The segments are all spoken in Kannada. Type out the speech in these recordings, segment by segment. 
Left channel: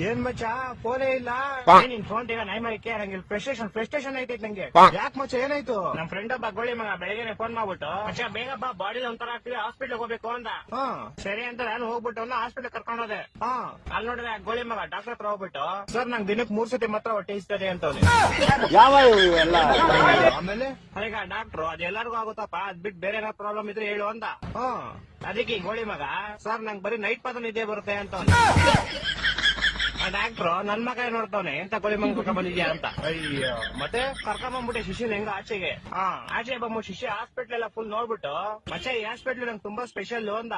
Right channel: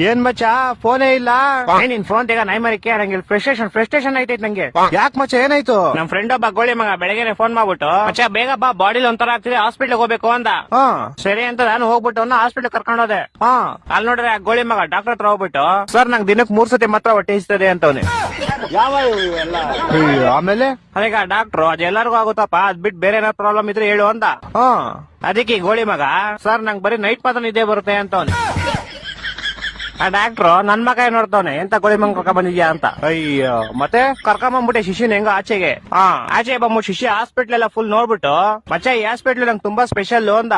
ಏನ್ ಮಚ್ಚ ಫೋನೇ ಇಲ್ಲ. ನಿನ್ ಫೋನ್ ತೆಗ ನೈ ಮರಿಕೆ ನಂಗೆ ಫ್ರಸ್ಟ್ರೇಷನ್ ಆಯ್ತೈತ್ ನಂಗೆ. ಯಾಕೆ ಮಚ್ಚ ಏನಾಯ್ತು? ನಮ್ ಫ್ರೆಂಡ್ ಒಬ್ಬ ಗೋಳಿ ಮಗ ಬೆಳಗ್ಗೆ ಫೋನ್ ಮಾಡ್ಬಿಟ್ಟು ಮಚ್ಚ ಬೇಗ ಬಾ ಬಾಡಿಲಿ ಒಂಥರ ಆಗ್ತಿದೆ ಹಾಸ್ಪಿಟ್ಲ್ ಹೋಗ್ಬೇಕು ಅಂದ. ಸರಿ ಅಂತ ನಾನು ಹೋಗ್ಬಿಟ್ಟು ಹಾಸ್ಪಿಟ್ಲ್ ಕರ್ಕೊಂಡು ಹೋದೆ. ಅಲ್ಲಿ ನೋಡ್ರೆ ಆ ಗೋಳಿ ಮಗ ಡಾಕ್ಟರ್ ಹತ್ರ ಹೋಗ್ಬಿಟ್ಟು ಸರ್ ನಂಗೆ ದಿನಕ್ಕೆ 3 ಸತಿ ಮಾತ್ರ ಹೊಟ್ಟೆ ಇಸ್ತದೆ ಅಂತವ್ನೆ. ಯಾವ ಎಲ್ಲ ಆಮೇಲೆ ಅದೀಗ ಡಾಕ್ಟ್ರು ಅದೆಲ್ಲರಿಗೂ ಆಗುತ್ತಪ್ಪ ಅದ್ ಬಿಟ್ಟು ಬೇರೆ ಏನಾದ್ರು ಪ್ರಾಬ್ಲಮ್ ಇದ್ರೆ ಹೇಳು ಅಂದ. ಅದಕ್ಕೆ ಗೋಳಿ ಮಗ ಸರ್ ನಂಗೆ ಬರೀ ನೈಟ್ ಮಾತ್ರ ನಿದ್ದೆ ಬರುತ್ತೆ ಅಂತವ್ನೆ. ಆ ಡಾಕ್ಟ್ರು ನನ್ ಮಗ ನೋಡ್ತಾವನೆ ಎಂತ ಗೋಳಿ ಮಂಗ ಕರ್ಕೊಂಡ್ ಬಂದಿದ್ಯಾ ಅಂತ. ಅಯ್ಯೋ ಮತ್ತೆ ಕರ್ಕೊಂಬಂದ್ಬಿಟ್ಟೆ ಶಿಶುನ್ ಹೆಂಗ ಆಚೆಗೆ. ಆಚೆ ಬಂದ್ಬಿಟ್ಟು ಶಿಶು ಹಾಸ್ಪಿಟ್ಲ್ ಎಲ್ಲ ಫುಲ್ ನೋಡ್ಬಿಟ್ಟು ಮಚ್ಚ ಈ ಹಾಸ್ಪಿಟ್ಲ್ ನಂಗೆ ತುಂಬಾ ಸ್ಪೆಷಲ್ ಅಂದ.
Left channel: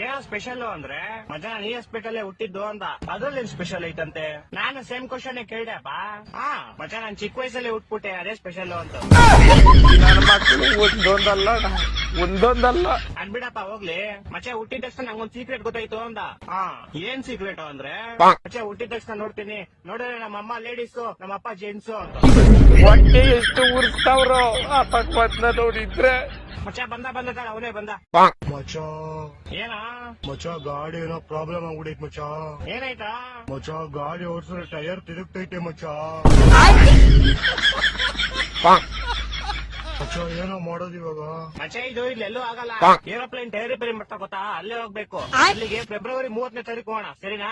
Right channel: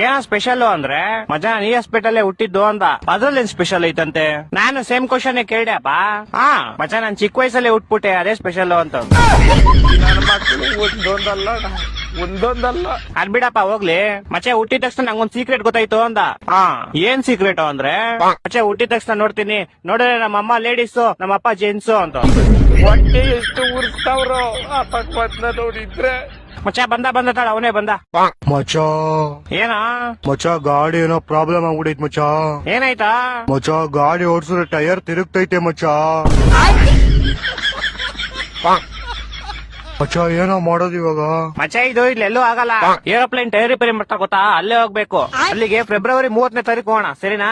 ಏನೋ ಸ್ಪೆಷಲ್ ಅಂದ್ರೆ ಮಜಾ ಈ ಹಾಸ್ಪಿಟಲ್ ಹುಟ್ಟಿದ್ದು ಅಂದ. ಅದ್ರಲ್ಲಿ ಸ್ಪೆಷಲ್ ಐತಂತೆ. ನಾನು ಸೇಮ್ ಕ್ವಶನ್ ಕೇಳ್ದಪ್ಪ. ಮಚ್ಚ ನಾನ್ ಚಿಕ್ಕ ವಯಸ್ಸಲ್ಲೇ ಹುಟ್ಬಿಟ್ಟೆ ಅದೇ ಸ್ಪೆಷಲ್ ಅಂತ. ನನ್ನ ಮಕ್ಕಳು ಒಂದೊಂದಲ್ಲ ಅದ್ ಬಿಡಪ್ಪ ಹೋಗ್ಲಿ. ಮಚ್ಚೆ ಹುಟ್ಟಿದ ತಕ್ಷಣ ನಂಗೊಂದ್ ಸೀಕ್ರೆಟ್ ಗೊತ್ತಾಯ್ತು ಅಂದ. ಏನ್ ಸೀಕ್ರೆಟ್ ಅಂದ್ರೆ ಮಚ್ಚೆ ಹುಟ್ಟಿದ ತಕ್ಷಣ ನೋಡ್ತೀನಿ ನೋಡಿದ್ರೆ ನಮ್ಮ ಅಮ್ಮ ಲೇಡೀಸು ನಮ್ಮ ಅಪ್ಪ ಜೆಂಟ್ಸು ಅಂತ. ಹೊಟ್ಟೆ ಎಷ್ಟು ಉರ್ಸ್ತಾವ್ರೋ ಆ ಪಕ್ವತ್ನ ನೋಡಿದ್ರೆ. ಮಚ್ಚ ಬಂದ ತಾಳ ಅವನೇ ಬಂದ. ಮಚ್ಚ ಏನ ಮಚ್ಚ ಗಾಡಿ ಏನೋ ಪ್ರಾಬ್ಲಮ್ ಆಗ್ಬಿಡೈತ್ ಮಚ್ಚ. ಏನಾಯ್ತಾ? ಮಚ್ಚ ಗಾಡಿ ಓಡಿಸಿದ್ರೆ ಟೈರ್ ತಿರುಗ್ತೈತೆ ಮಚ್ಚ. ಮಚ್ಚ ಏನೋ ಮಾಡೋದು ಇವಾಗ? ಮಚ್ಚ ಇದು ಇಲ್ಲೆಲ್ಲೂ ಆಗಲ್ಲ. ಏರೋಪ್ಲೇನ್ ಟೈರ್ ರಿಪೇರಿ ಮಾಡ್ತಾ ಗೊತ್ತಾ, ಅಲ್ಲೇ ಹೋಗ್ಬೇಕು. ಅಲ್ಲಿಗೆ ಫೆಬ್ರವರಿ 30ನೇ ತಾರೀಕು ಹೋಗೋಣ ಸರಿನಾ?